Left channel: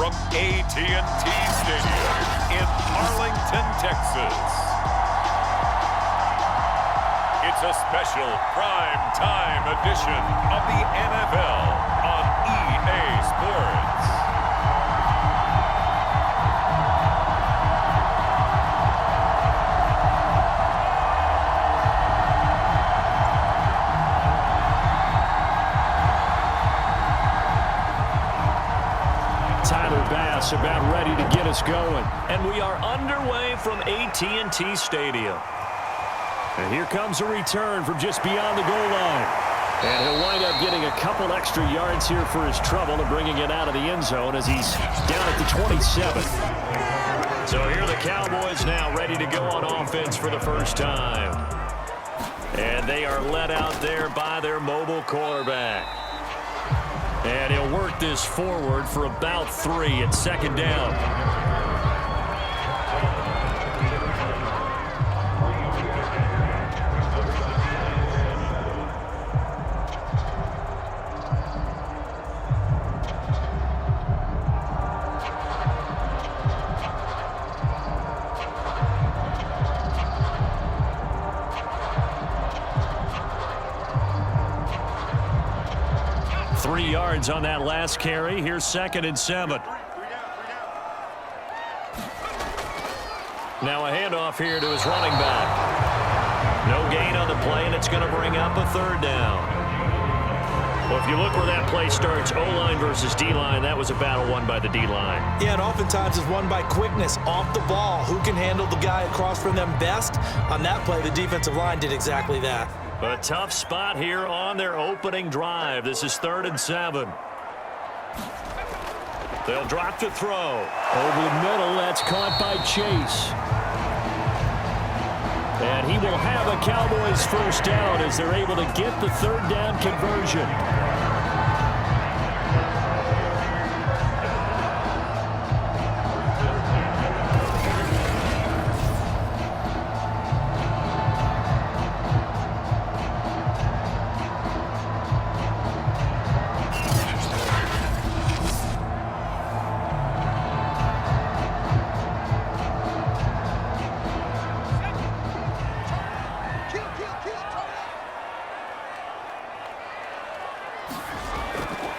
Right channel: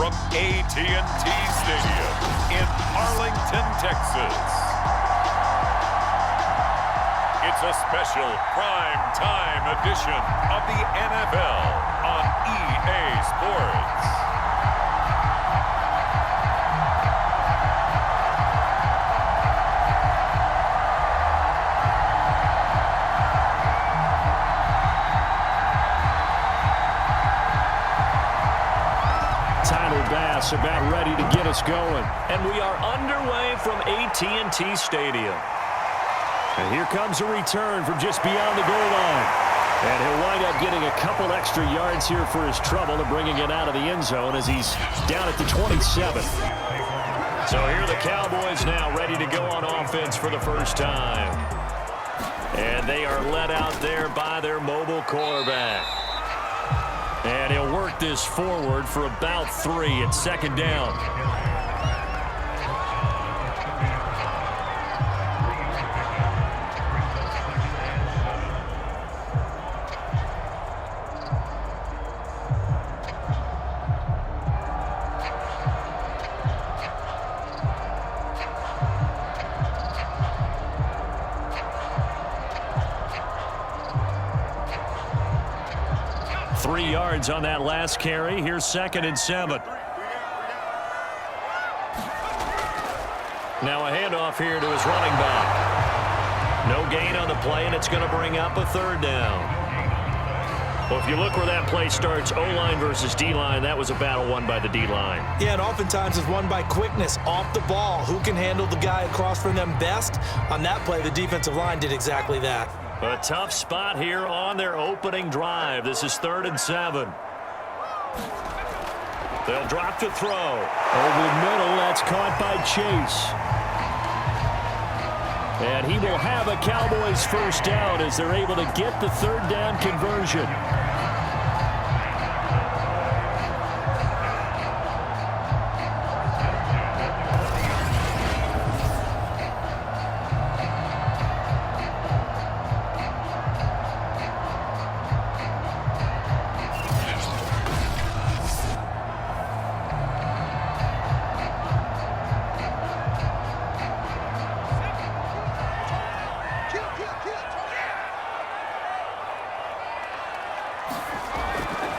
from AT&T Stadium in Arlington, Texas. It's a special prime time edition of the NFL on EA Sports. Bass about ready to get us going. And we are underway from AT&T Stadium. And here comes a return from just beyond the goal line. And he'll wind up getting a couple extra yards here for his trouble and bringing it out of the end zone as he's down at the 27. So here are the Cowboys now ready to go on offense for the first time. And they are led out there by their mobile quarterback. And he'll work this forward for about 3 at second down. Yards on that last carry. Here's 2nd and 7. Now a handoff here to his running back. No gain on the play, and it's going to bring up a 3rd down. Well, if you look where that play starts, O-line versus D-line, that was a battle won by the D-line. Yeah, and oftentimes it's won by quickness off the ball. Who can handle the guy across from them best? On that play, the defensive line did exactly that. A tough spot here on their opening drive. This is 3rd and 7. They'll drop to throw. Over the middle, that's caught by Chase. And he will have a Cowboys first down as they're able to get the 3rd down conversion.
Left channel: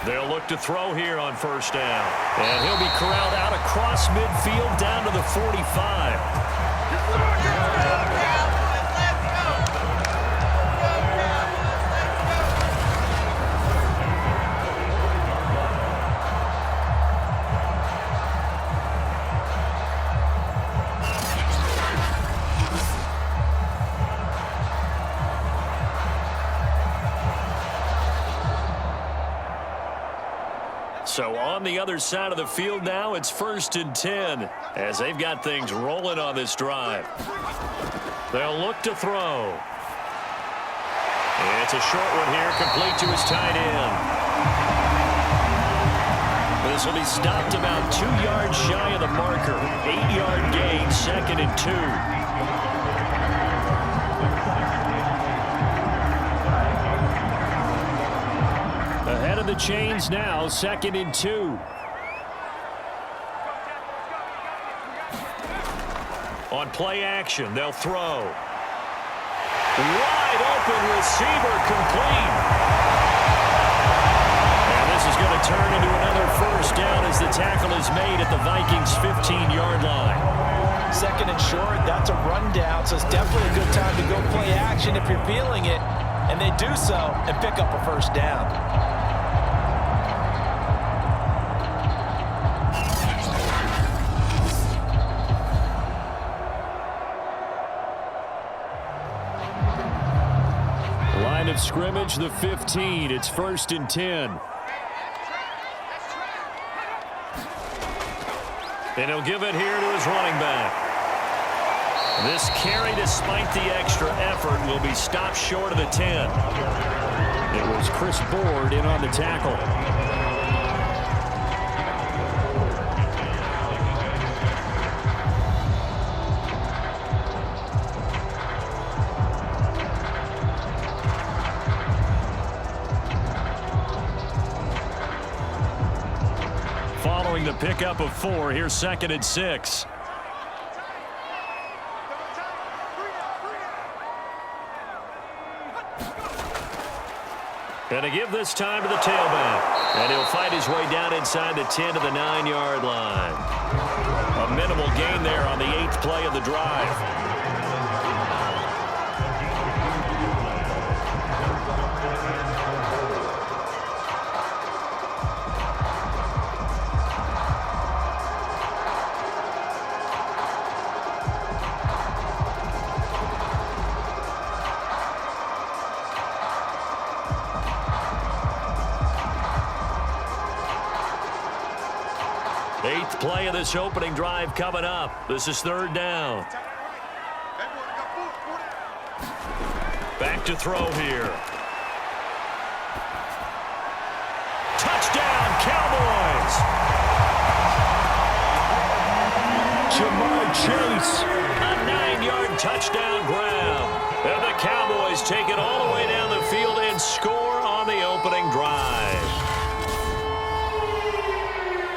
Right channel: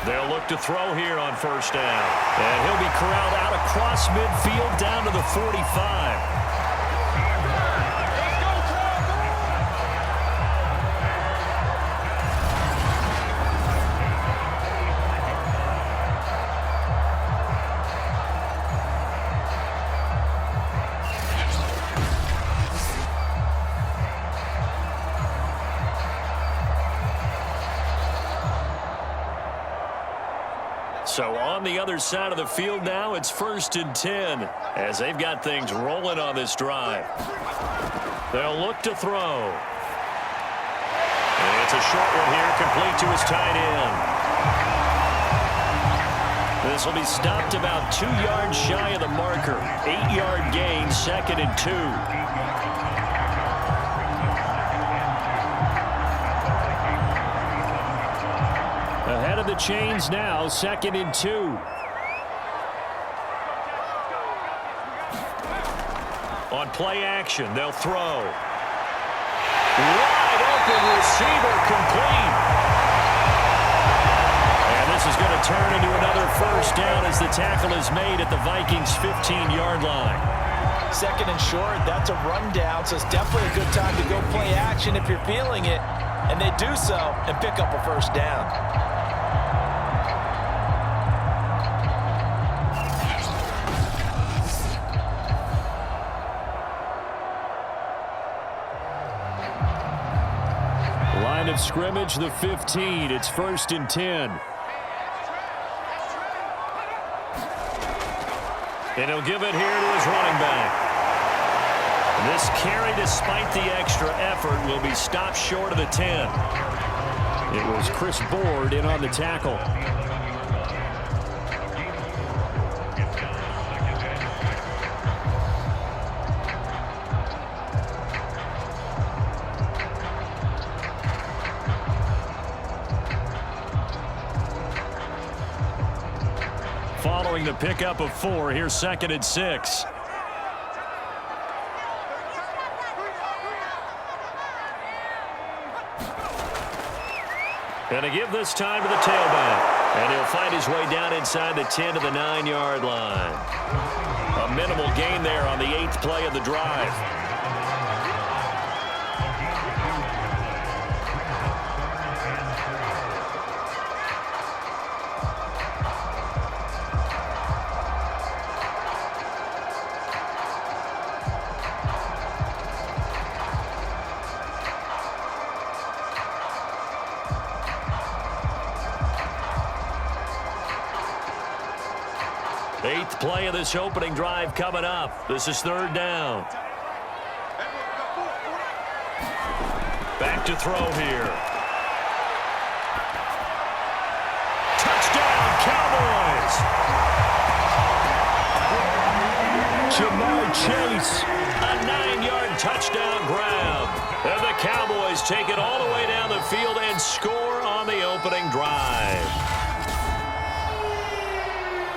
They'll look to throw here on first down. And he'll be corralled out across midfield down to the 45. So on the other side of the field now, it's 1st and 10 as they've got things rolling on this drive. They'll look to throw. It's a short one here, complete to his tight end. This will be stopped about 2 yards shy of the marker. 8-yard gain, 2nd and 2. Ahead of the chains now, 2nd and 2. On play action, they'll throw. Wide open receiver complete. And this is going to turn into another first down as the tackle is made at the Vikings' 15-yard line. 2nd and short, that's a rundown, so it's definitely a good time to go play action if you're feeling it. And they do so and pick up a first down. Line of scrimmage, the 15. It's 1st and 10. And he'll give it here to his running back. This carry, despite the extra effort, will be stopped short of the 10. It was Chris Board in on the tackle. following the pickup of 4. Here's 2nd and 6. And to give this time to the tailback. And he'll fight his way down inside the 10 to the 9-yard line. A minimal gain there on the 8th play of the drive. Eighth play of this opening drive coming up. This is 3rd down. Back to throw here. Touchdown, Cowboys! Jamar Chase, a 9-yard touchdown grab. And the Cowboys take it all the way down the field and score on the opening drive.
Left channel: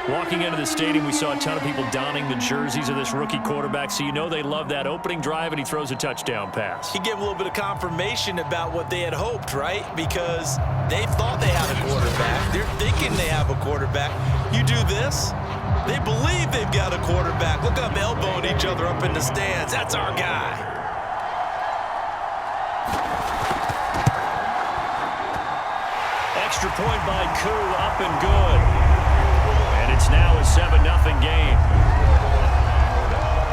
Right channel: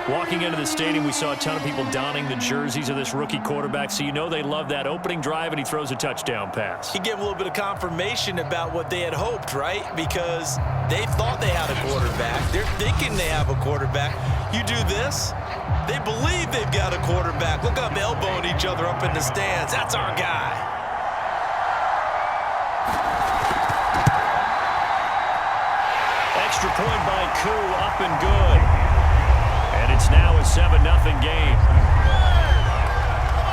Walking into the stadium, we saw a ton of people donning the jerseys of this rookie quarterback, so you know they love that opening drive, and he throws a touchdown pass. He gave a little bit of confirmation about what they had hoped, right? Because they thought they had a quarterback. They're thinking they have a quarterback. You do this, they believe they've got a quarterback. Look up, elbowing each other up in the stands. That's our guy. Extra point by Koo, up and good. And it's now a 7-0 game.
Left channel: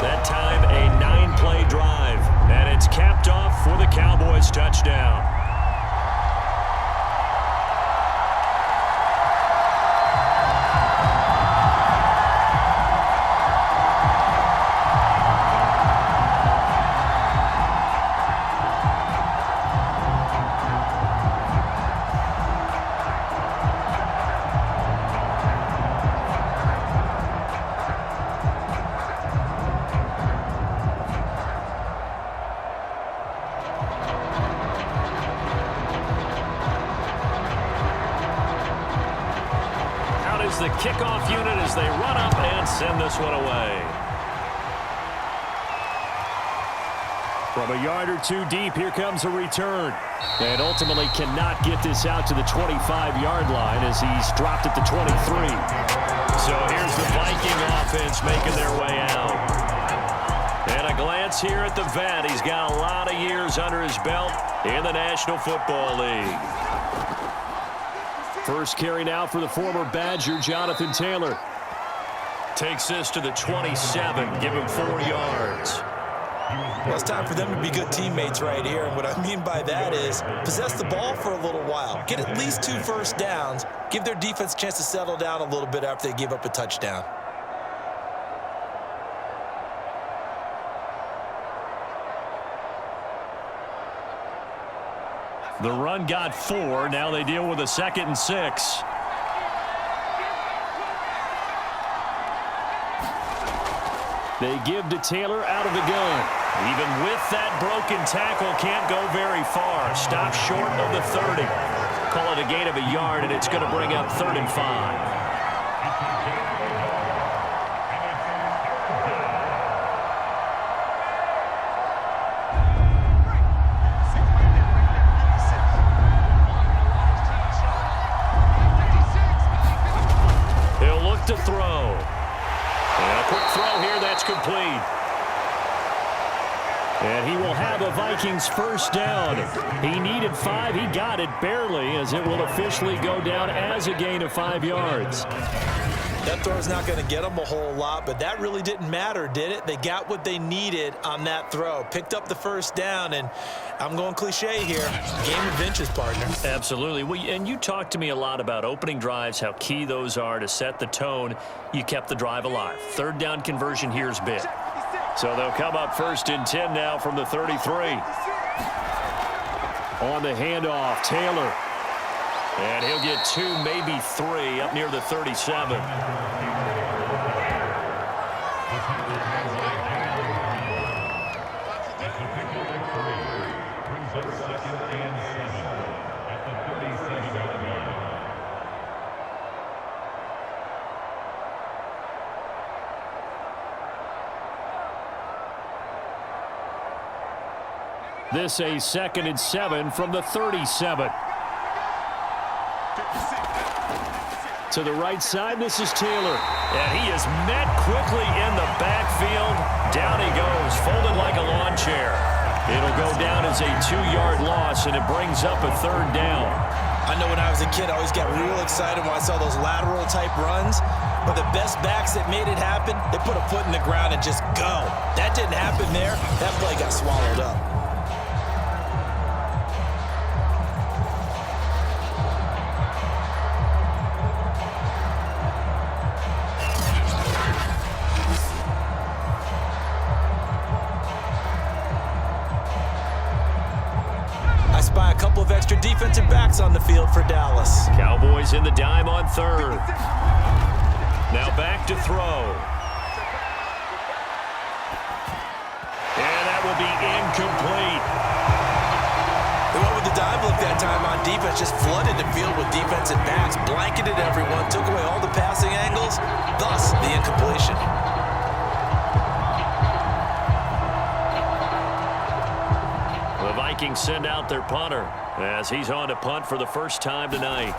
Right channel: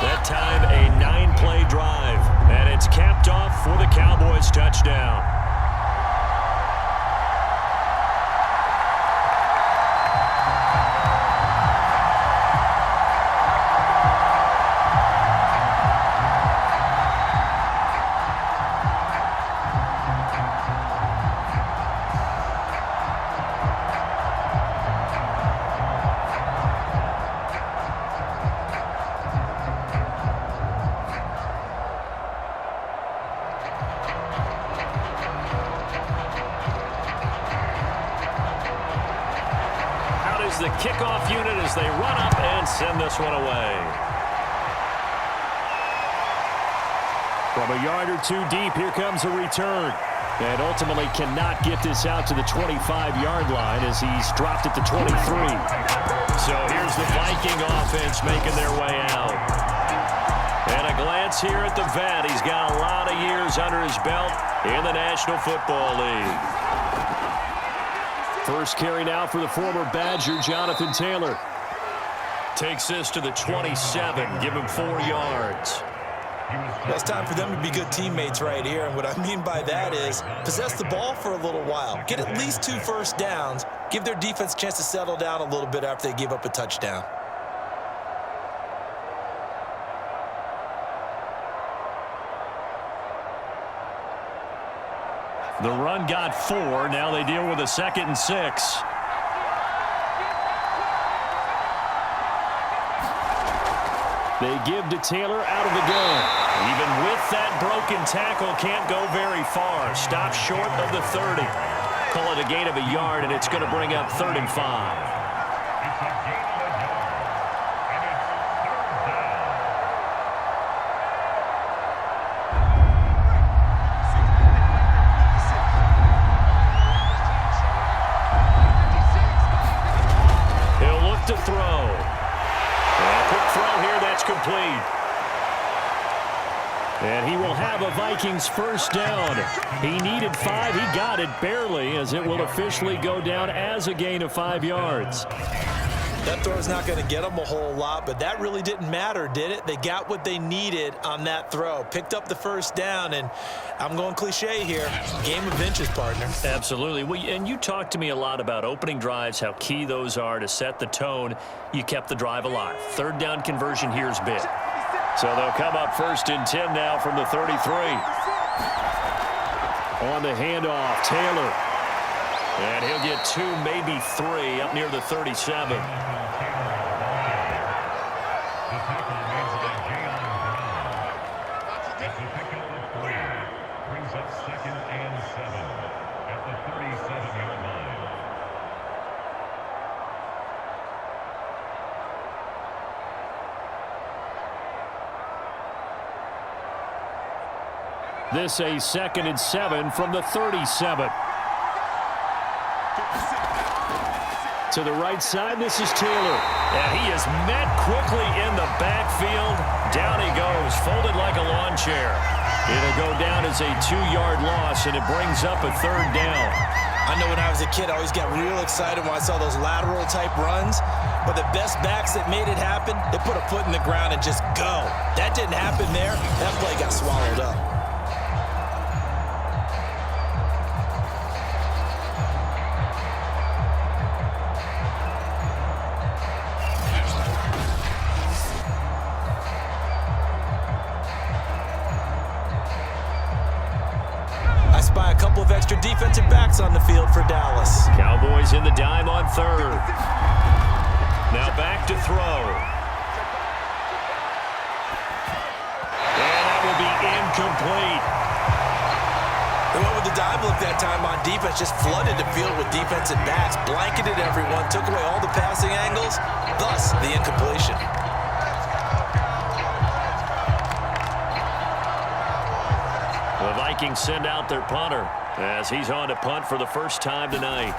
That time a 9-play drive. And it's capped off for the Cowboys touchdown. The kickoff unit as they run up and send this one away. From a yard or two deep, here comes a return. And ultimately cannot get this out to the 25-yard line as he's dropped at the 23. So here's the Viking offense making their way out. And a glance here at the vet. He's got a lot of years under his belt in the National Football League. First carry now for the former Badger, Jonathan Taylor. Takes this to the 27, give him 4 yards. Well, it's time for them to be good teammates right here. And what I mean by that is possess the ball for a little while. Get at least 2 first downs. Give their defense a chance to settle down a little bit after they give up a touchdown. The run got 4. Now they deal with a 2nd and 6. They give to Taylor out of the gun. Even with that broken tackle, can't go very far. Stops short of the 30. Call it a gain of a yard, and it's going to bring up 3rd and 5. To throw. And a quick throw here, that's complete. And he will have a Vikings first down. He needed 5. He got it barely, as it will officially go down as a gain of 5 yards. That throw's not going to get them a whole lot, but that really didn't matter, did it? They got what they needed on that throw. Picked up the first down, and I'm going cliche here. Game of inches, partner. Absolutely. Well, and you talked to me a lot about opening drives, how key those are to set the tone. You kept the drive alive. 3rd down conversion here is big. So they'll come up 1st and 10 now from the 33. On the handoff, Taylor. And he'll get 2, maybe 3 up near the 37. Brings up 2nd and 7 at the 37-yard line. This a 2nd and 7 from the 37. To the right side, this is Taylor. And he is met quickly in the backfield. Down he goes, folded like a lawn chair. It'll go down as a 2-yard loss, and it brings up a 3rd down. I know when I was a kid, I always got real excited when I saw those lateral-type runs. But the best backs that made it happen, they put a foot in the ground and just go. That didn't happen there. That play got swallowed up. I spy a couple of extra defensive backs on the field for Dallas. Cowboys in the dime on 3rd. Now back to throw. And that will be incomplete. They went with the dime look that time on defense, just flooded the field with defensive backs, blanketed everyone, took away all the passing angles, thus the incompletion. The Vikings send out their punter as he's on to punt for the first time tonight.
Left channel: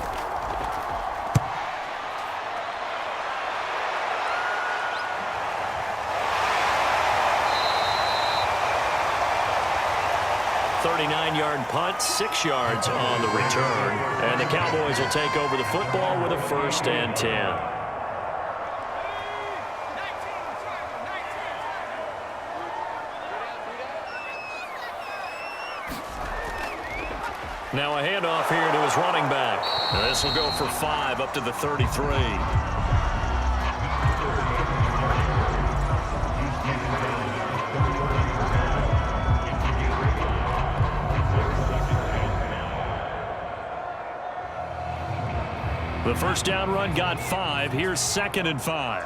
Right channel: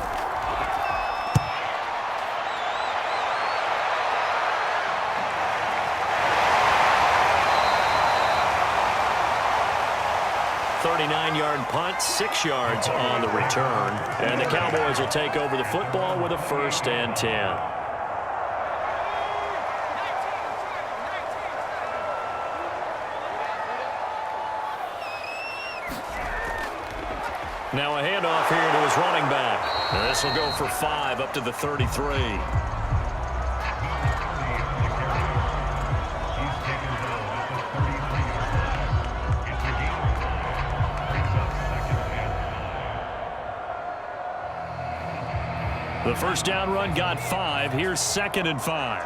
.39-yard punt, 6 yards on the return. And the Cowboys will take over the football with a 1st and 10. Now a handoff here to his running back. This will go for 5 up to the 33. The first down run got 5. Here's 2nd and 5.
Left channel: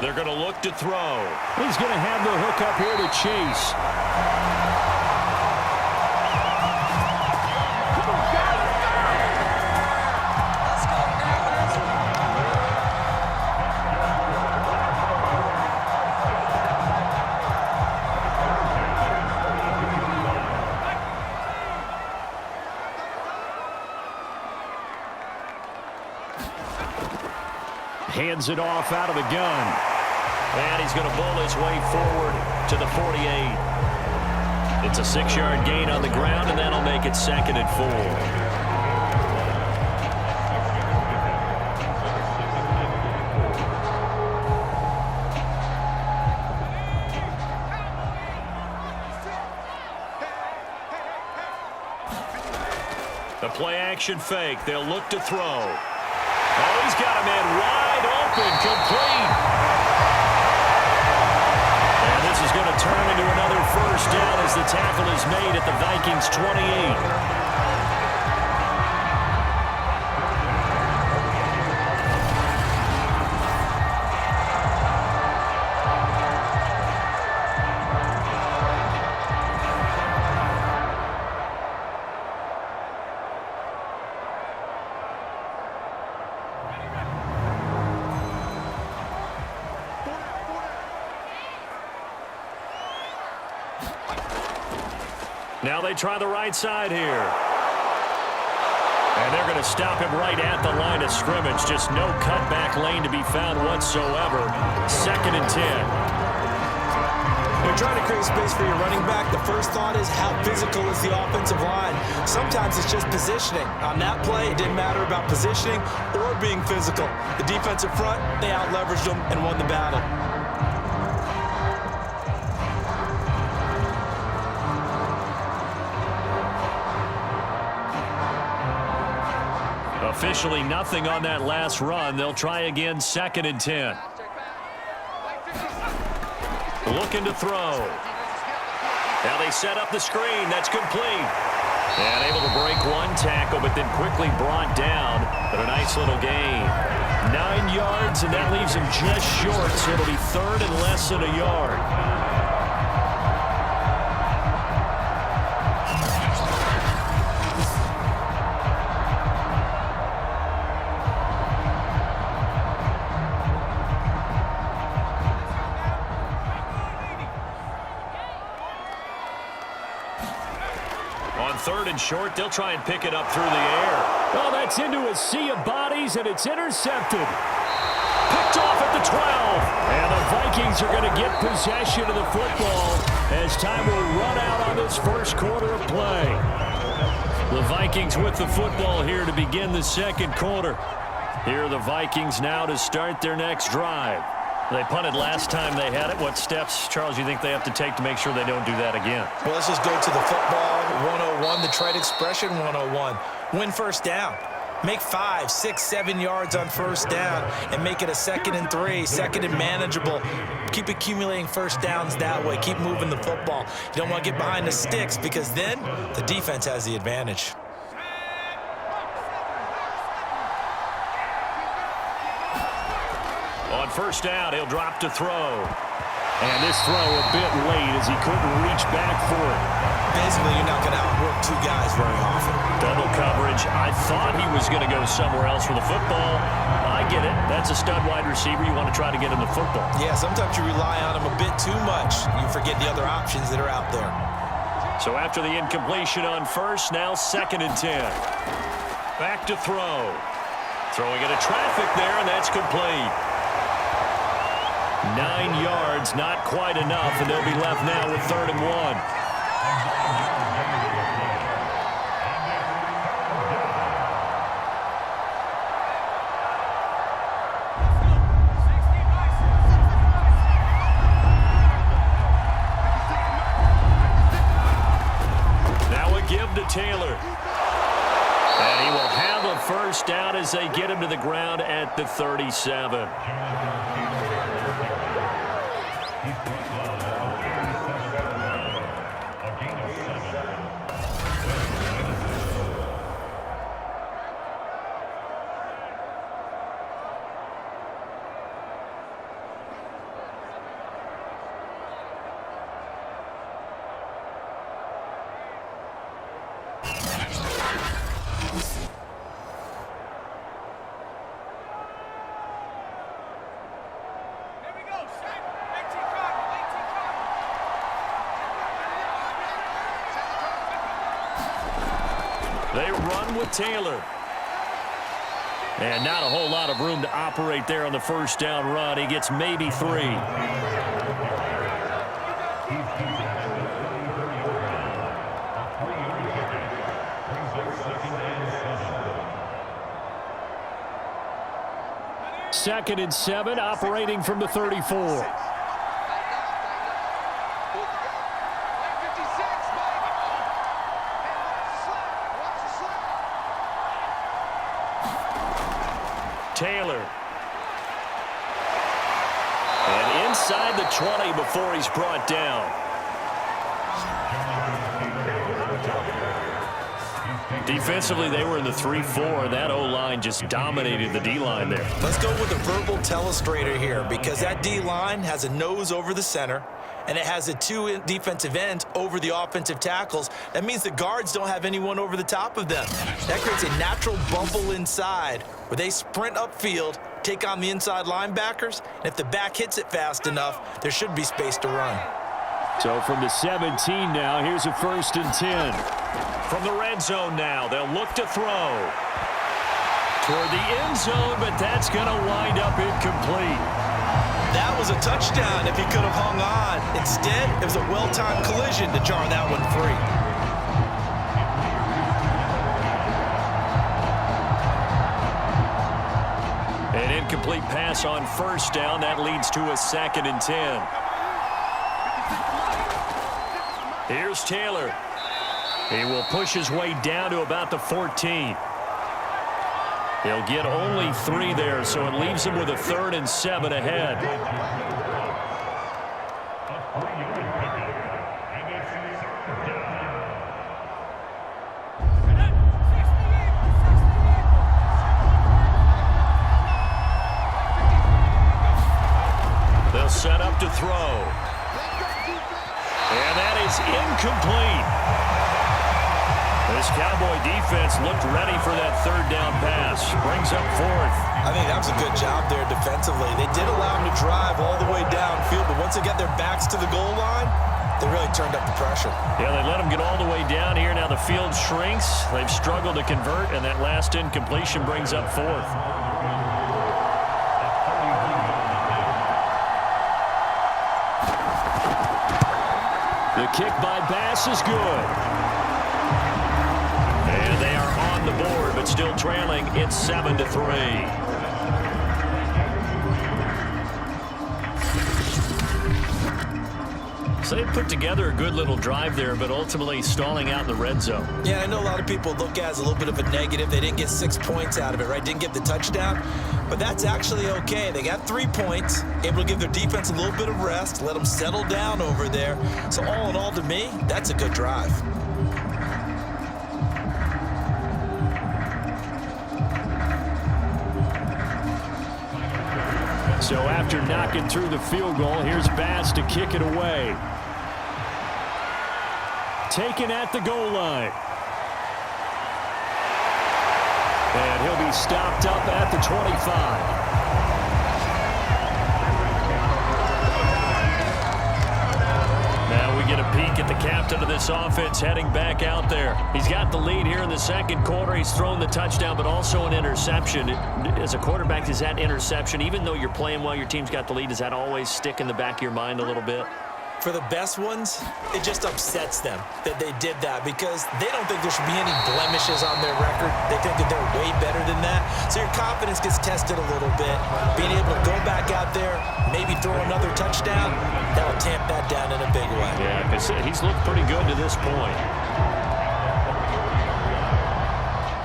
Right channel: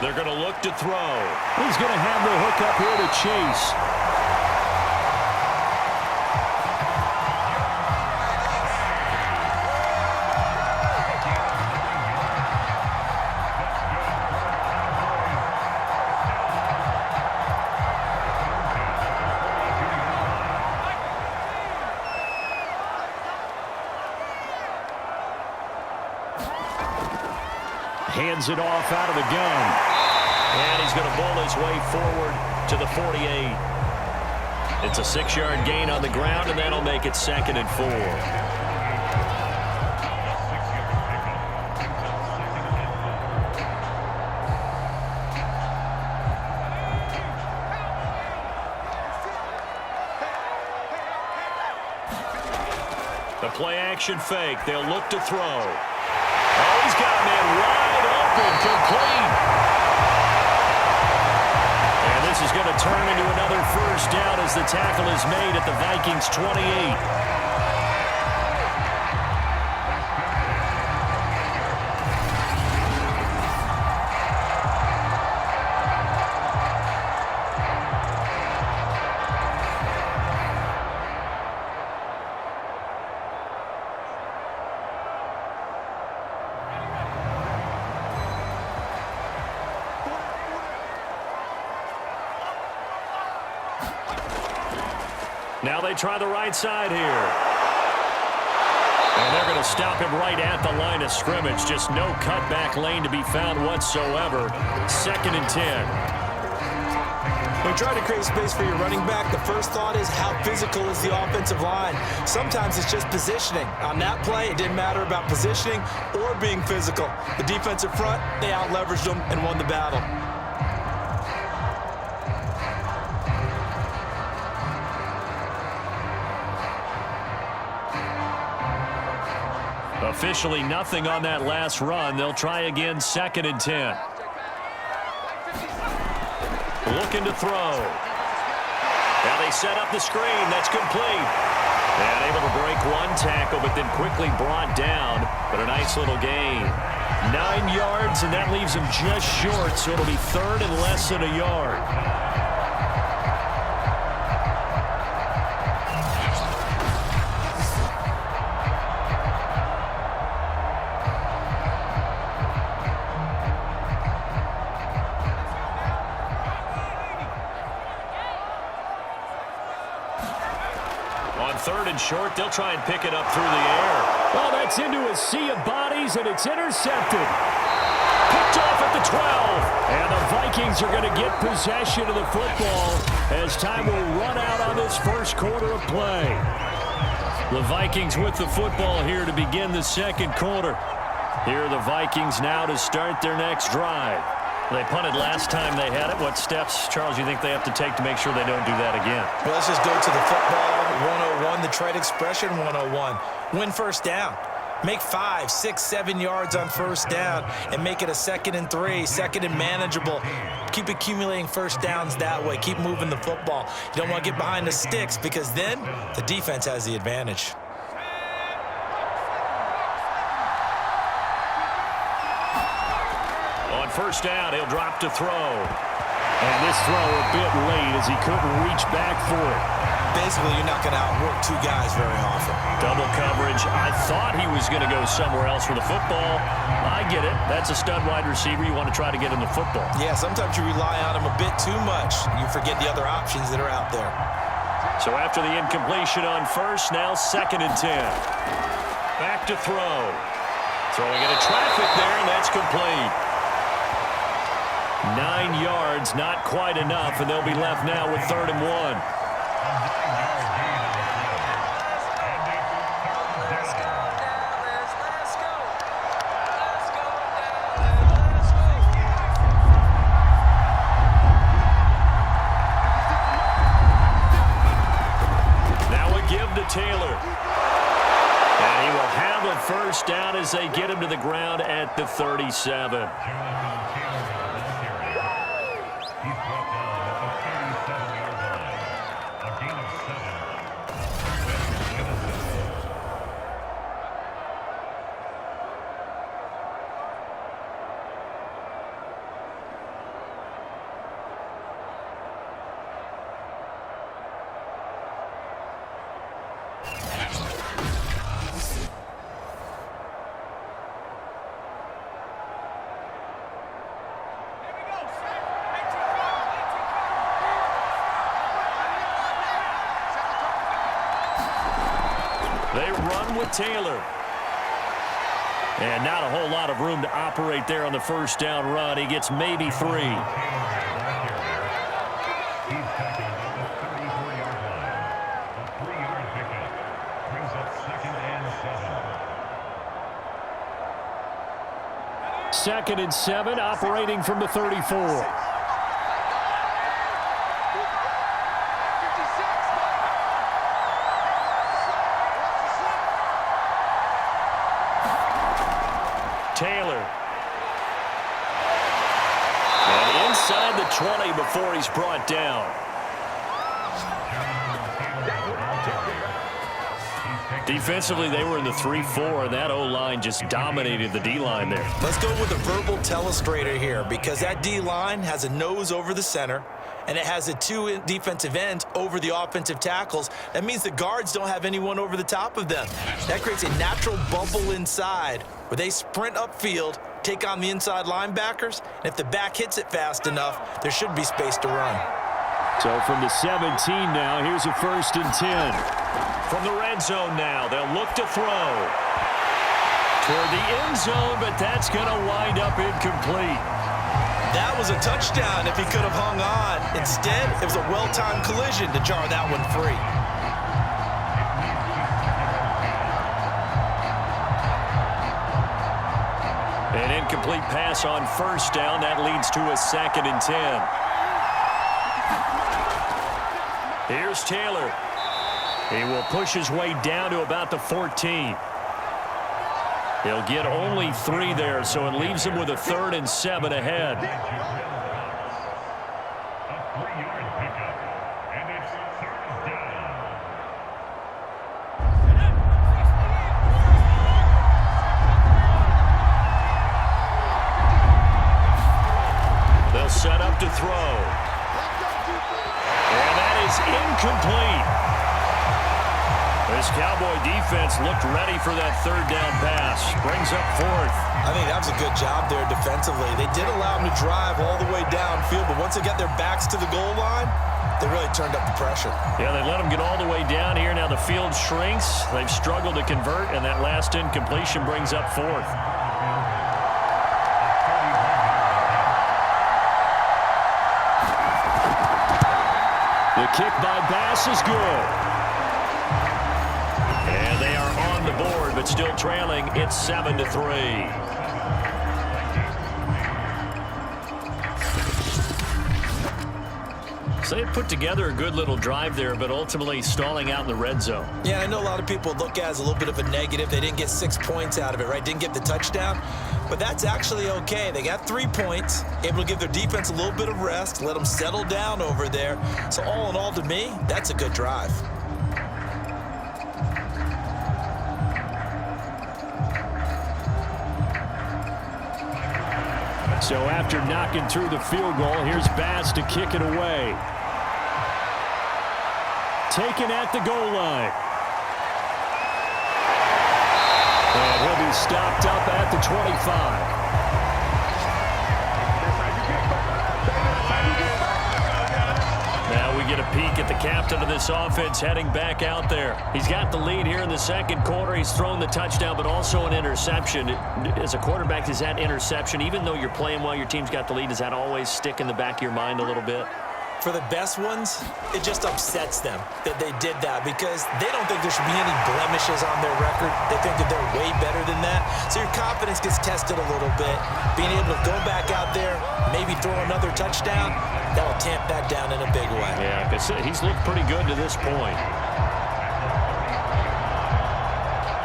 They're going to look to throw. He's going to have the hook up here to Chase. Hands it off out of the gun. And he's going to bowl his way forward to the 48. It's a 6-yard gain on the ground, and that'll make it 2nd and 4. The play-action fake. They'll look to throw. Oh, he's got a man wide open, complete. And this is going to turn into another first down as the tackle is made at the Vikings 28. Now they try the right side here. And they're going to stop him right at the line of scrimmage. Just no cutback lane to be found whatsoever. 2nd and 10. When you're trying to create space for your running back, the first thought is how physical is the offensive line. Sometimes it's just positioning. On that play, it didn't matter about positioning or being physical. The defensive front, they out-leveraged them and won the battle. Officially nothing on that last run. They'll try again, 2nd and 10. Looking to throw. Now they set up the screen. That's complete. And able to break one tackle, but then quickly brought down. But a nice little gain. 9 yards, and that leaves him just short, so it'll be 3rd and less than a yard. 3rd and short. They'll try and pick it up through the air. Oh, that's into a sea of bodies, and it's intercepted. Picked off at the 12. And the Vikings are going to get possession of the football as time will run out on this first quarter of play. The Vikings with the football here to begin the second quarter. Here are the Vikings now to start their next drive. They punted last time they had it. What steps, Charles, you think they have to take to make sure they don't do that again? Well, let's just go to the football 101, the trade expression 101. Win first down. Make 5, 6, 7 yards on first down and make it a 2nd and 3, 2nd and manageable. Keep accumulating first downs that way. Keep moving the football. You don't want to get behind the sticks because then the defense has the advantage. On first down, he'll drop to throw. And this throw a bit late as he couldn't reach back for it. Basically, you're not going to outwork 2 guys very often. Double coverage. I thought he was going to go somewhere else with the football. I get it. That's a stud wide receiver. You want to try to get him the football. Yeah, sometimes you rely on him a bit too much. You forget the other options that are out there. So after the incompletion on first, now 2nd and 10. Back to throw. Throwing into traffic there, and that's complete. 9 yards, not quite enough, and they'll be left now with 3rd and 1. Now a give to Taylor. And he will have a first down as they get him to the ground at the 37. They run with Taylor. And not a whole lot of room to operate there on the first down run. He gets maybe 3. Second and 7, operating from the 34. Taylor. And inside the 20 before he's brought down. Defensively, they were in the 3-4. That O-line just dominated the D-line there. Let's go with a verbal telestrator here because that D-line has a nose over the center and it has a 2 defensive ends over the offensive tackles. That means the guards don't have anyone over the top of them. That creates a natural bubble inside where they sprint upfield, take on the inside linebackers, and if the back hits it fast enough, there should be space to run. So from the 17 now, here's a 1st and 10. From the red zone now, they'll look to throw. Toward the end zone, but that's going to wind up incomplete. That was a touchdown if he could have hung on. Instead, it was a well-timed collision to jar that one free. An incomplete pass on first down. That leads to a 2nd and 10. Here's Taylor. He will push his way down to about the 14. He'll get only 3 there, so it leaves him with a 3rd and 7 ahead. A 3-yard pickup, and it's 3rd down. They'll set up to throw. And that is incomplete. This Cowboy defense looked ready for that 3rd down pass. Brings up 4th. I think that was a good job there defensively. They did allow them to drive all the way downfield, but once they get their backs to the goal line, They really turned up the pressure. Yeah, they let them get all the way down here. Now the field shrinks. They've struggled to convert, and that last incompletion brings up fourth. The kick by Bass is good. And they are on the board, but still trailing. It's 7-3. So they put together a good little drive there, but ultimately stalling out in the red zone. Yeah, I know a lot of people look at it as a little bit of a negative. They didn't get 6 points out of it, right? Didn't get the touchdown. But that's actually okay. They got 3 points, able to give their defense a little bit of rest, let them settle down over there. So all in all, to me, that's a good drive. So after knocking through the field goal, here's Bass to kick it away. Taken at the goal line. And he'll be stopped up at the 25. Now we get a peek at the captain of this offense heading back out there. He's got the lead here in the second quarter. He's thrown the touchdown, but also an interception. As a quarterback, does that interception, even though you're playing well, your team's got the lead, does that always stick in the back of your mind a little bit? For the best ones, it just upsets them that they did that because they don't think there should be any blemishes on their record. They think that they're way better than that. So your confidence gets tested a little bit. Being able to go back out there, maybe throw another touchdown, that'll tamp that down in a big way. Yeah, because he's looked pretty good to this point.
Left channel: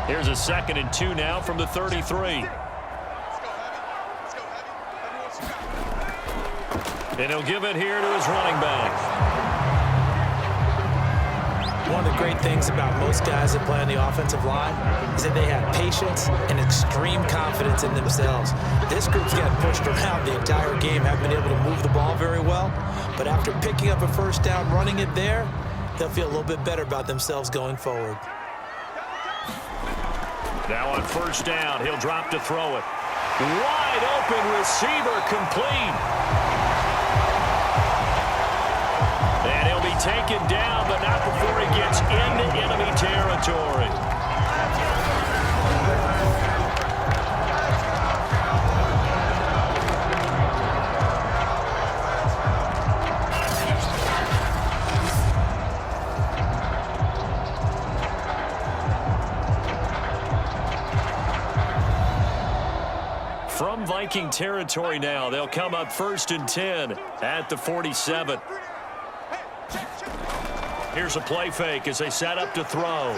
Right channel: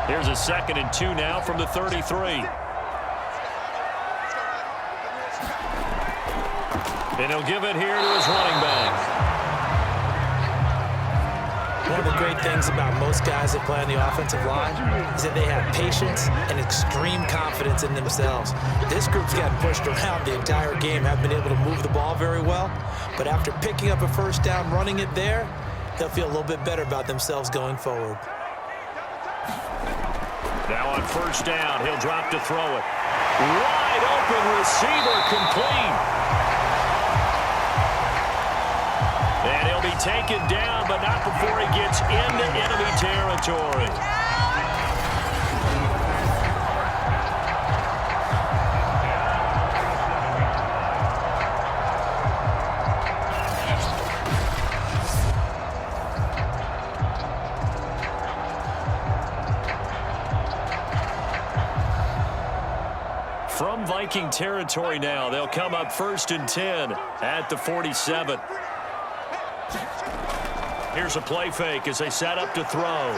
Here's a 2nd and 2 now from the 33. And he'll give it here to his running back. One of the great things about most guys that play on the offensive line is that they have patience and extreme confidence in themselves. This group's gotten pushed around the entire game, haven't been able to move the ball very well. But after picking up a first down, running it there, they'll feel a little bit better about themselves going forward. Now on first down, he'll drop to throw it. Wide open receiver, complete. And he'll be taken down, but not before he gets into enemy territory. From Viking territory now, they'll come up 1st and 10 at the 47. Here's a play fake as they set up to throw.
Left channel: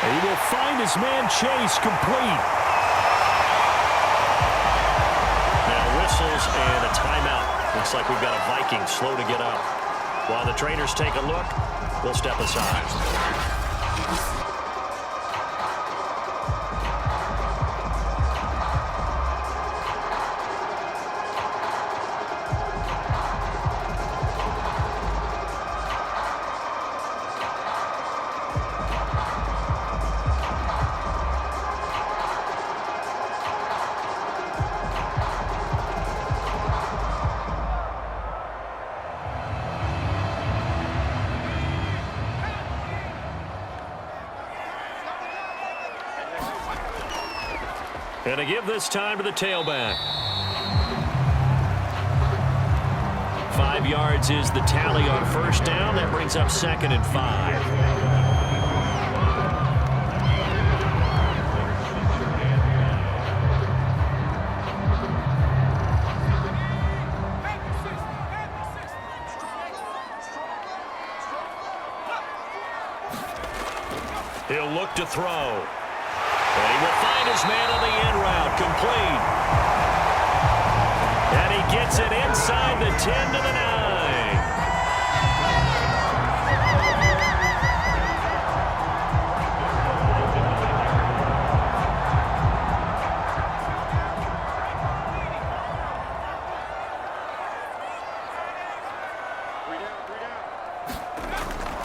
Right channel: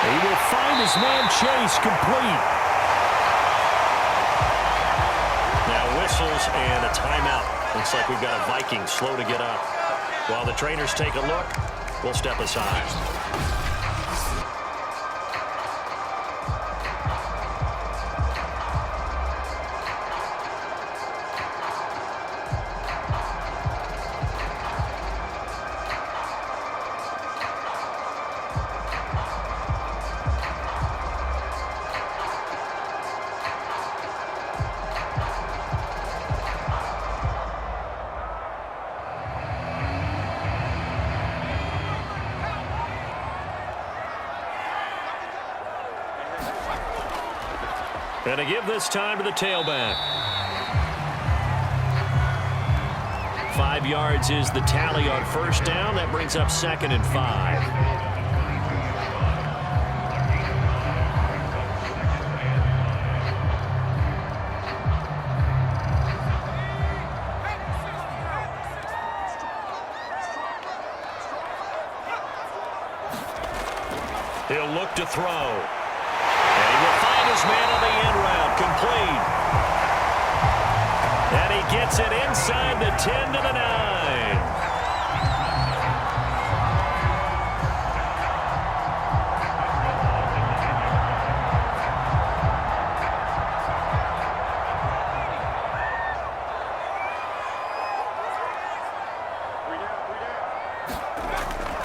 He will find his man Chase, complete. Now whistles and a timeout. Looks like we've got a Viking slow to get up. While the trainers take a look, we'll step aside. And to give this time to the tailback. 5 yards is the tally on first down. That brings up 2nd and 5. He'll look to throw. And he will find his man on the end route, complete. And he gets it inside the 10 to the 9.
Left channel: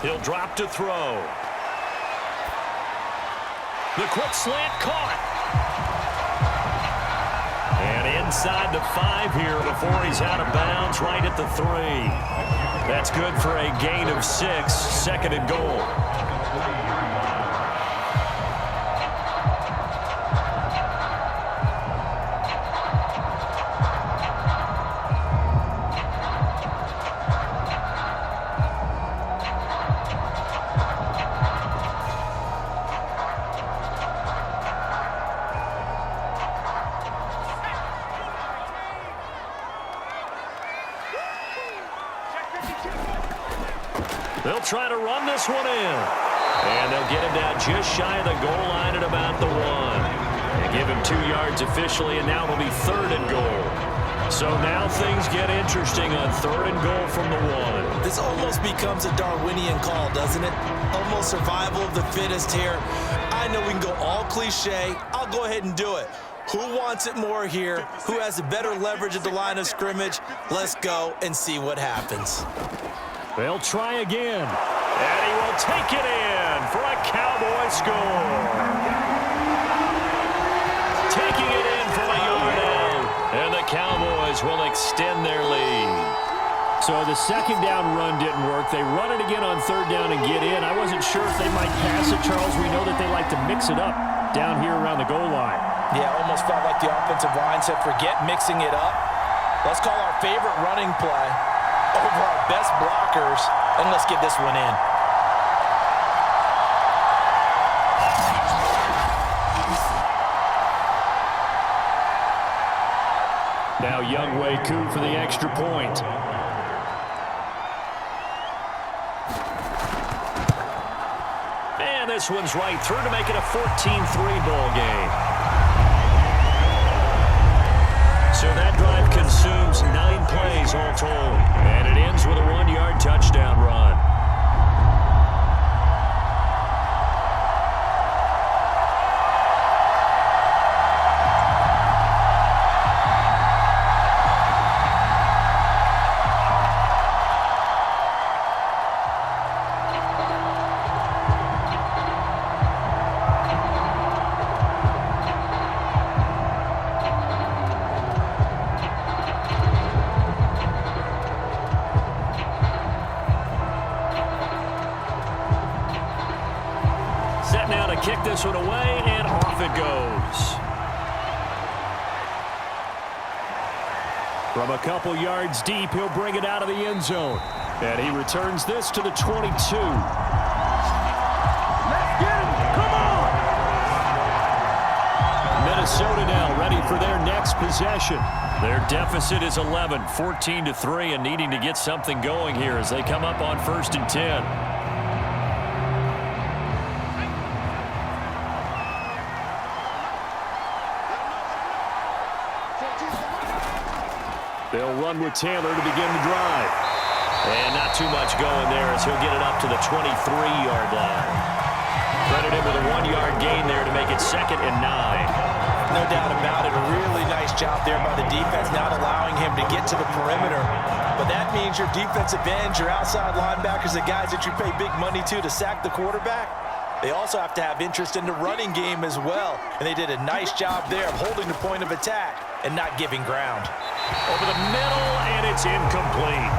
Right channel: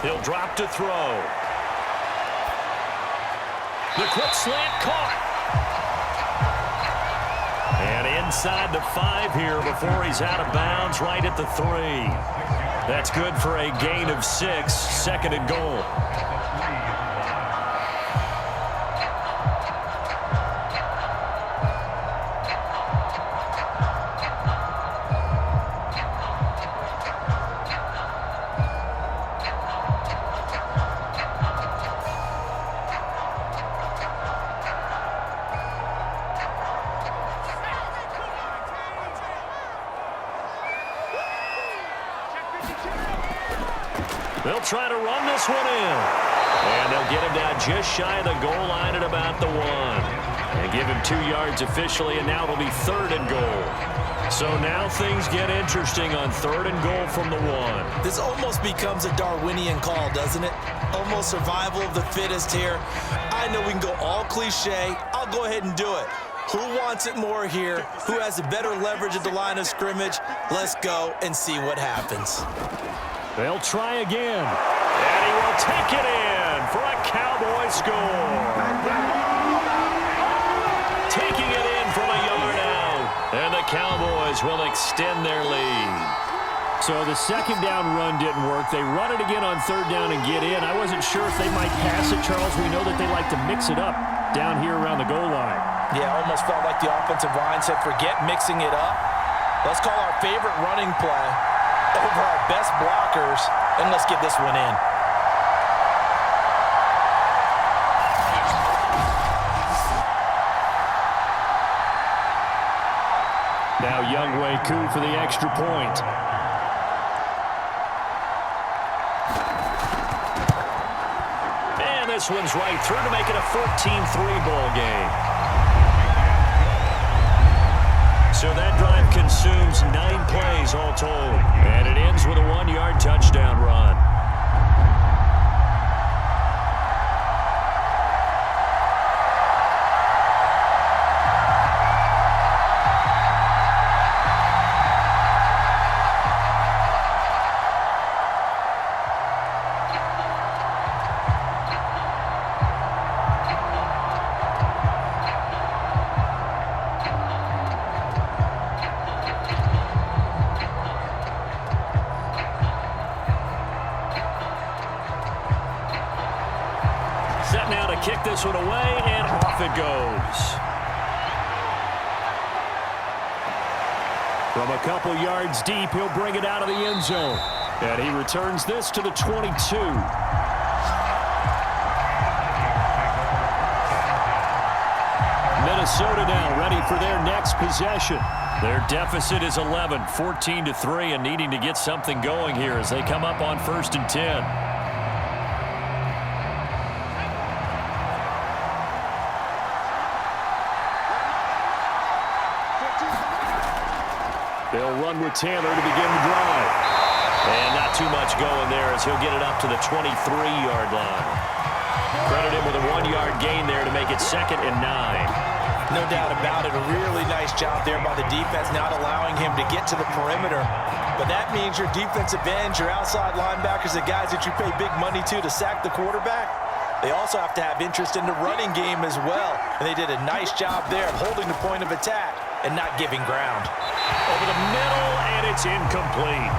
He'll drop to throw. The quick slant caught. And inside the 5 here before he's out of bounds, right at the 3. That's good for a gain of 6, second and goal. They'll try to run this one in. And they'll get him down just shy of the goal line at about the 1. And give him 2 yards officially, and now it'll be third and goal. So now things get interesting on third and goal from the 1. This almost becomes a Darwinian call, doesn't it? Almost survival of the fittest here. I know we can go all cliche. I'll go ahead and do it. Who wants it more here? Who has the better leverage at the line of scrimmage? Let's go and see what happens. They'll try again. And he will take it in for a Cowboy score. Taking it in from a yard out. And the Cowboys will extend their lead. So the second down run didn't work. They run it again on third down and get in. I wasn't sure if they might pass it, Charles. We know that they like to mix it up down here around the goal line. Yeah, almost felt like the offensive line said, forget mixing it up. Let's call our favorite running play over our best blockers, and let's get this one in. Now Younghoe Koo for the extra point. And this one's right through to make it a 14-3 ball game. So that drive consumes 9 plays all told. And it ends with a 1-yard touchdown run. Set now to kick this one away, and off it goes. From a couple yards deep, he'll bring it out of the end zone. And he returns this to the 22. Minnesota now ready for their next possession. Their deficit is 11, 14-3, and needing to get something going here as they come up on 1st and 10. They'll run with Taylor to begin the drive. And not too much going there as he'll get it up to the 23-yard line. Credit him with a 1-yard gain there to make it 2nd and 9. No doubt about it. A really nice job there by the defense, not allowing him to get to the perimeter. But that means your defensive ends, your outside linebackers, the guys that you pay big money to sack the quarterback, they also have to have interest in the running game as well. And they did a nice job there of holding the point of attack and not giving ground. Over the middle, and it's incomplete.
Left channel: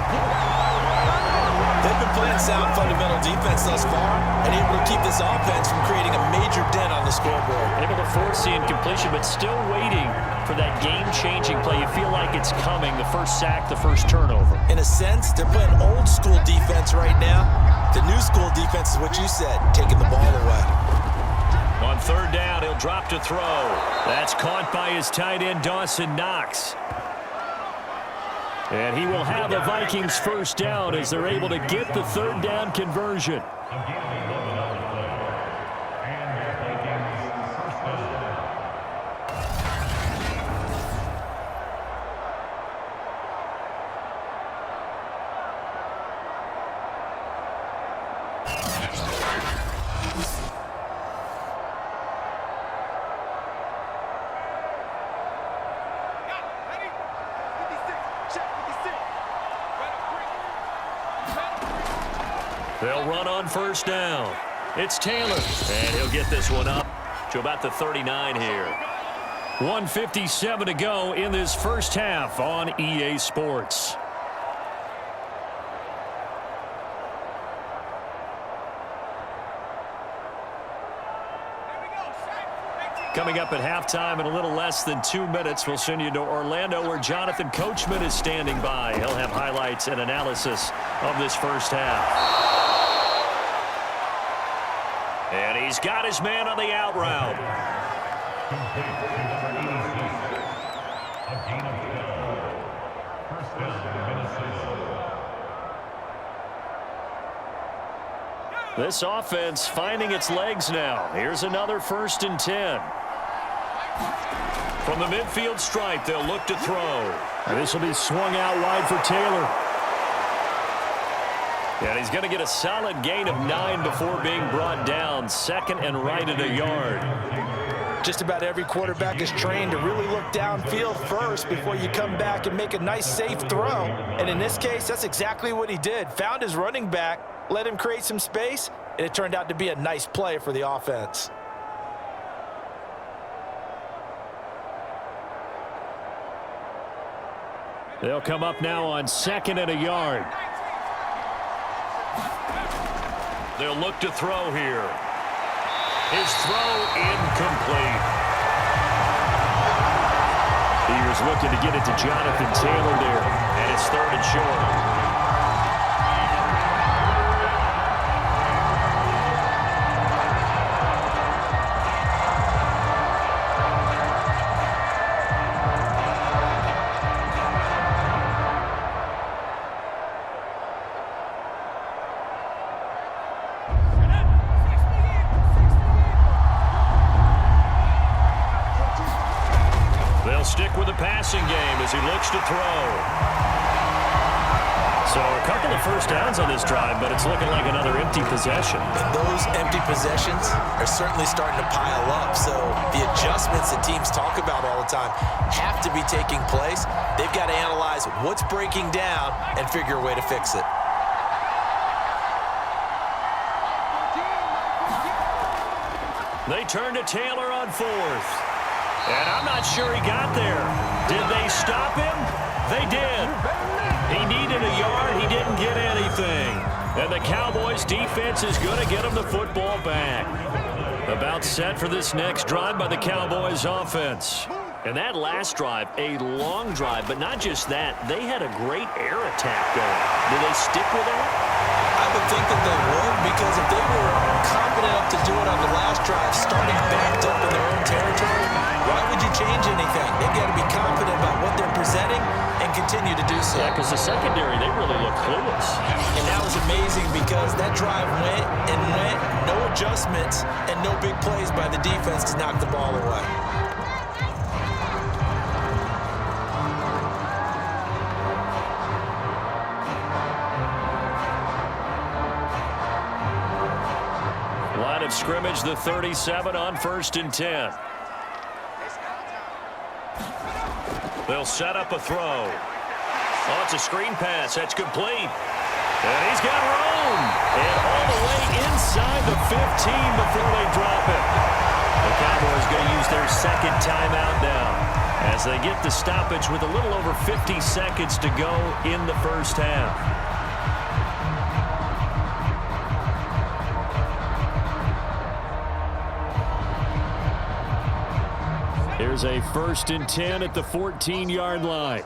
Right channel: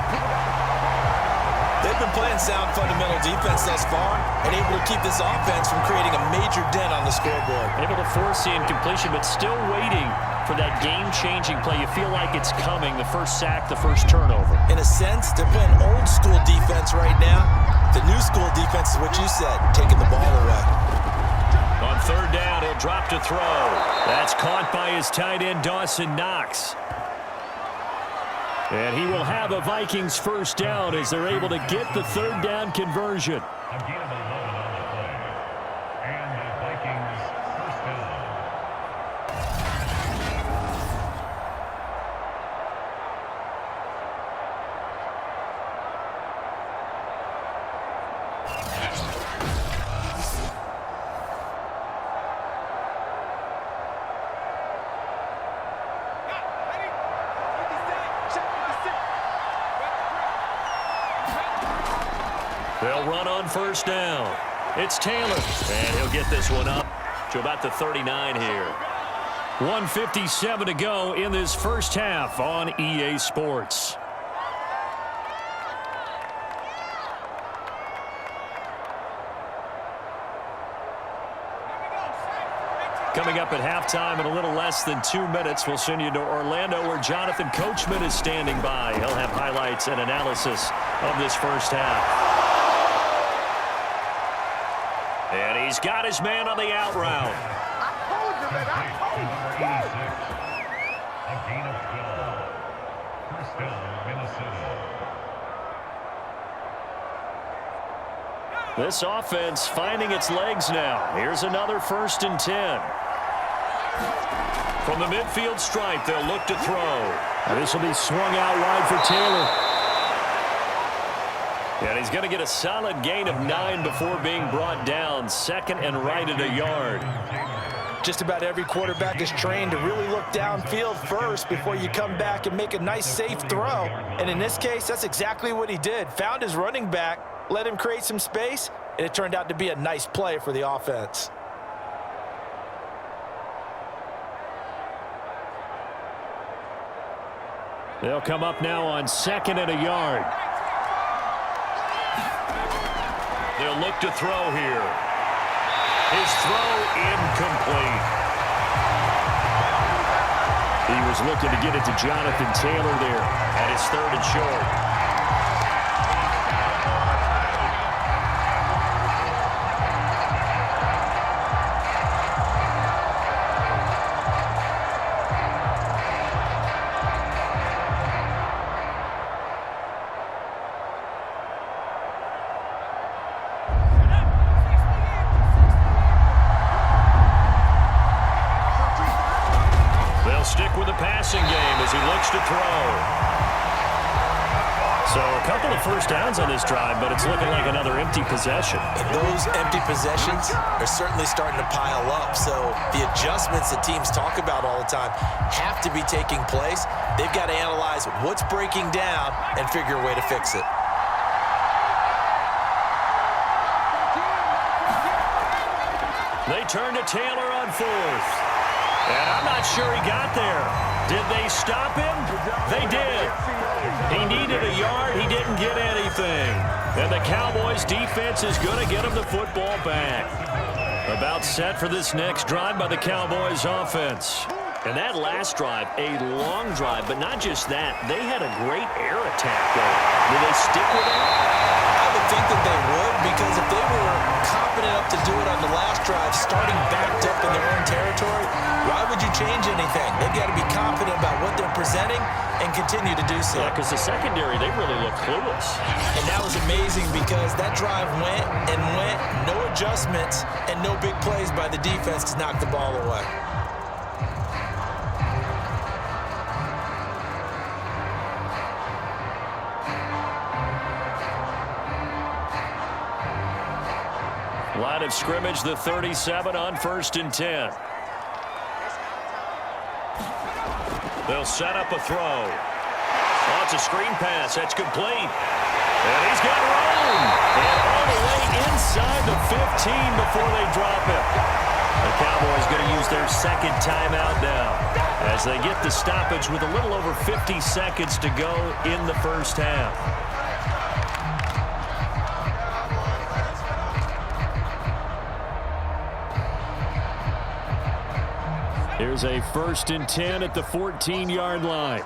They've been playing sound fundamental defense thus far and able to keep this offense from creating a major dent on the scoreboard. Able to force the incompletion, but still waiting for that game-changing play. You feel like it's coming, the first sack, the first turnover. In a sense, they're playing old-school defense right now. The new school defense is what you said, taking the ball away. On third down, he'll drop to throw. That's caught by his tight end, Dawson Knox. And he will have a Vikings first down as they're able to get the third down conversion. Again, 11 on the play. And the Vikings first down. They'll run on first down. It's Taylor, and he'll get this one up to about the 39 here. 1:57 to go in this first half on EA Sports. Coming up at halftime in a little less than 2 minutes, we'll send you to Orlando where Jonathan Coachman is standing by. He'll have highlights and analysis of this first half. And he's got his man on the out route. Complete to number 86. A gain of 12. First down, Minnesota. This offense finding its legs now. Here's another 1st and 10. From the midfield stripe, they'll look to throw. And this will be swung out wide for Taylor. And he's going to get a solid gain of 9 before being brought down. 2nd and right at a yard. Just about every quarterback is trained to really look downfield first before you come back and make a nice, safe throw. And in this case, that's exactly what he did. Found his running back, let him create some space, and it turned out to be a nice play for the offense. They'll come up now on 2nd and a yard. They'll look to throw here. His throw incomplete. He was looking to get it to Jonathan Taylor there, and it's 3rd and short. They'll stick with the passing game as he looks to throw. So a couple of first downs on this drive, but it's looking like another empty possession. And those empty possessions are certainly starting to pile up. So the adjustments that teams talk about all the time have to be taking place. They've got to analyze what's breaking down and figure a way to fix it. They turn to Taylor on 4th. And I'm not sure he got there. Did they stop him? They did. He needed a yard. He didn't get anything. And the Cowboys defense is going to get him the football back. About set for this next drive by the Cowboys offense. And that last drive, a long drive, but not just that. They had a great air attack going. Did they stick with that? I would think that they would, because if they were confident enough to do it on the last drive, starting backed up in their own territory, why would you change anything? They've got to be confident about what they're presenting and continue to do so. Yeah, because the secondary, they really look clueless. And that was amazing because that drive went and went, no adjustments and no big plays by the defense to knock the ball away. Line of scrimmage, the 37 on 1st and 10. They'll set up a throw. Oh, it's a screen pass. That's complete. And he's got room. And all the way inside the 15 before they drop him. The Cowboys going to use their 2nd timeout now as they get the stoppage with a little over 50 seconds to go in the first half. Here's a 1st and 10 at the 14-yard line.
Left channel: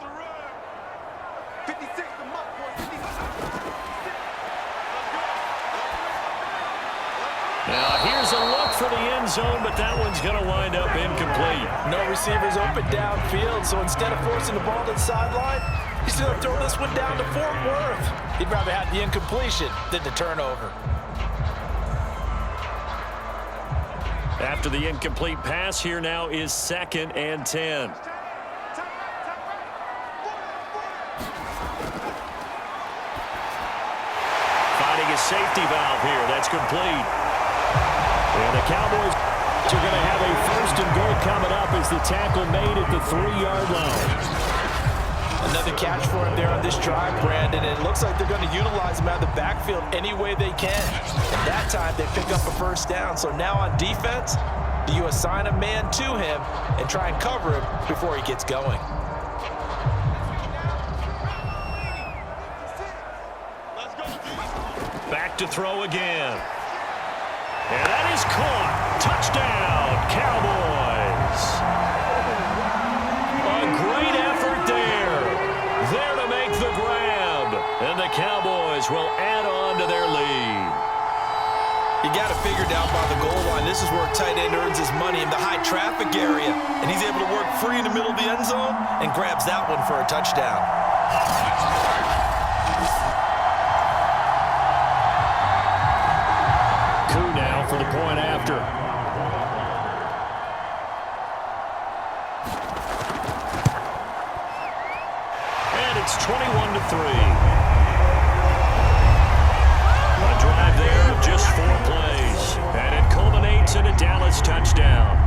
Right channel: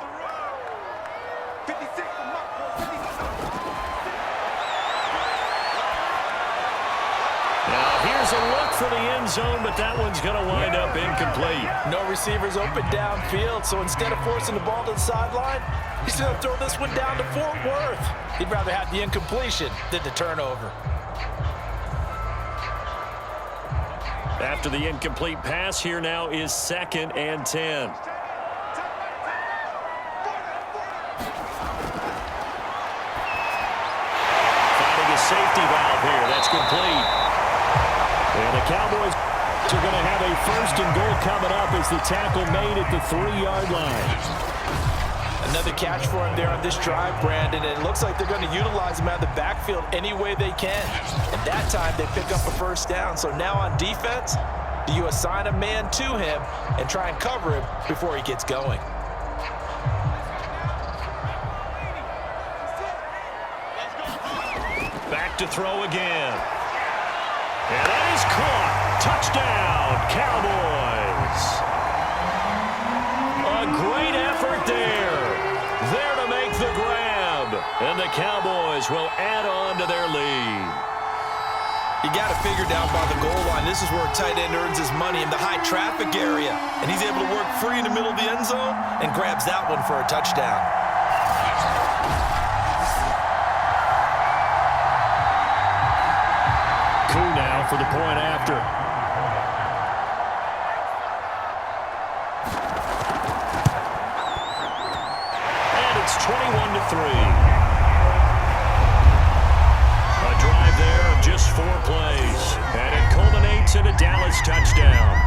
Now here's a look for the end zone, but that one's going to wind up incomplete. No receivers open downfield, so instead of forcing the ball to the sideline, he's going to throw this one down to Fort Worth. He'd rather have the incompletion than the turnover. After the incomplete pass, here now is 2nd and 10. Finding a safety valve here. That's complete. And the Cowboys are going to have a 1st and goal coming up as the tackle made at the 3-yard line. Another catch for him there on this drive, Brandon, and it looks like they're going to utilize him out of the backfield any way they can. And that time, they pick up a 1st down. So now on defense, do you assign a man to him and try and cover him before he gets going? Back to throw again. And that is caught. Touchdown, Cowboys. A great effort there. There to make the grab. And the Cowboys will add on to their lead. You got to figure down by the goal line. This is where a tight end earns his money, in the high traffic area. And he's able to work free in the middle of the end zone and grabs that one for a touchdown. Coup now for the point after. And it's 21-3. A drive there of just 4 plays. And it culminates in a Dallas touchdown.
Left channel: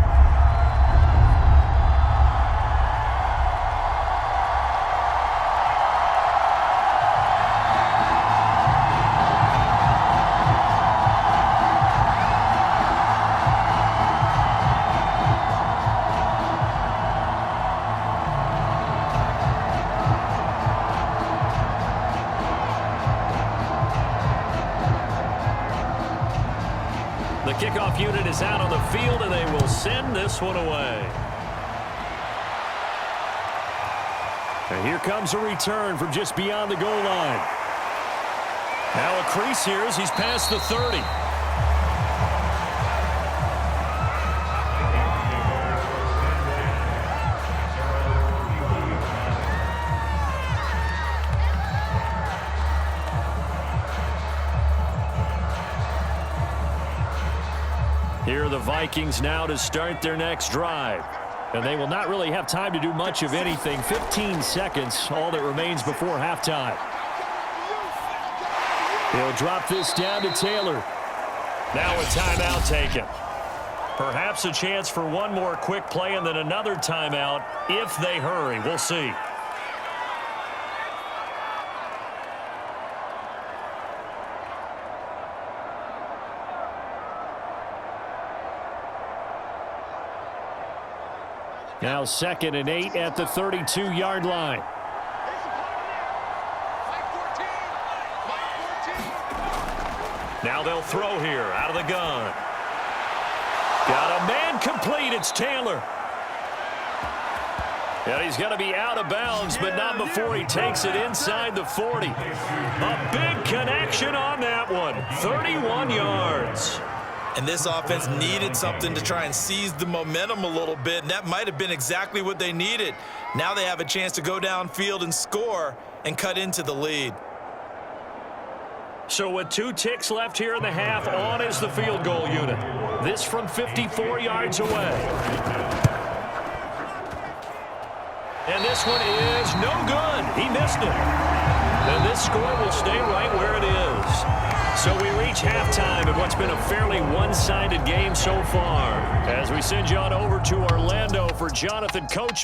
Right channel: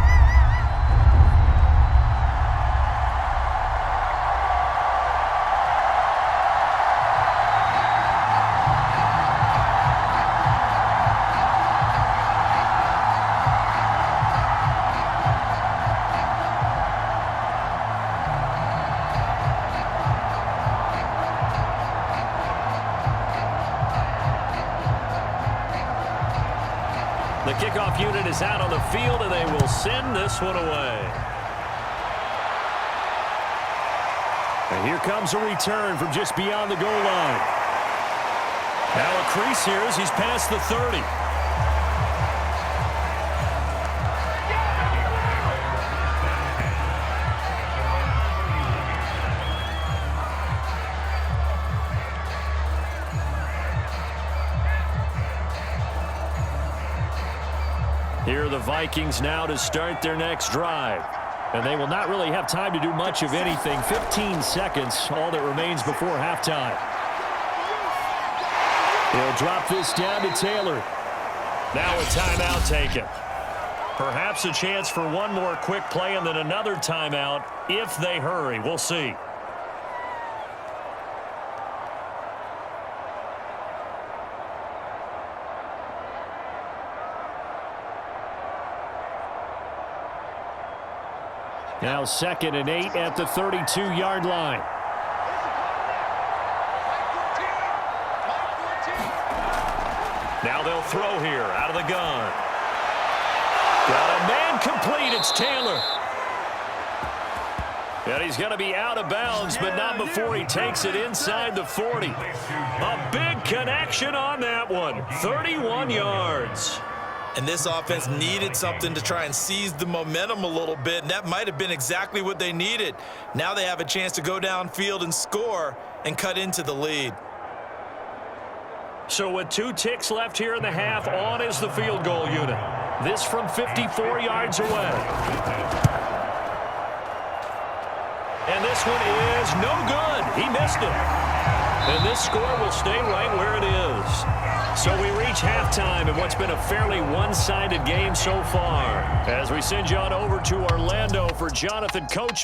The kickoff unit is out on the field, and they will send this one away. And here comes a return from just beyond the goal line. Now a crease here as he's past the 30. Here are the Vikings now to start their next drive. And they will not really have time to do much of anything. 15 seconds, all that remains before halftime. He'll drop this down to Taylor. Now a timeout taken. Perhaps a chance for one more quick play and then another timeout if they hurry. We'll see. Now 2nd and 8 at the 32-yard line. Now they'll throw here out of the gun. Got a man complete. It's Taylor. And he's going to be out of bounds, but not before he takes it inside the 40. A big connection on that one. 31 yards. And this offense needed something to try and seize the momentum a little bit, and that might have been exactly what they needed. Now they have a chance to go downfield and score and cut into the lead. So with 2 ticks left here in the half, on is the field goal unit. This from 54 yards away. And this one is no good. He missed it. And this score will stay right where it is. So we reach halftime in what's been a fairly one-sided game so far. As we send you on over to Orlando for Jonathan Coach.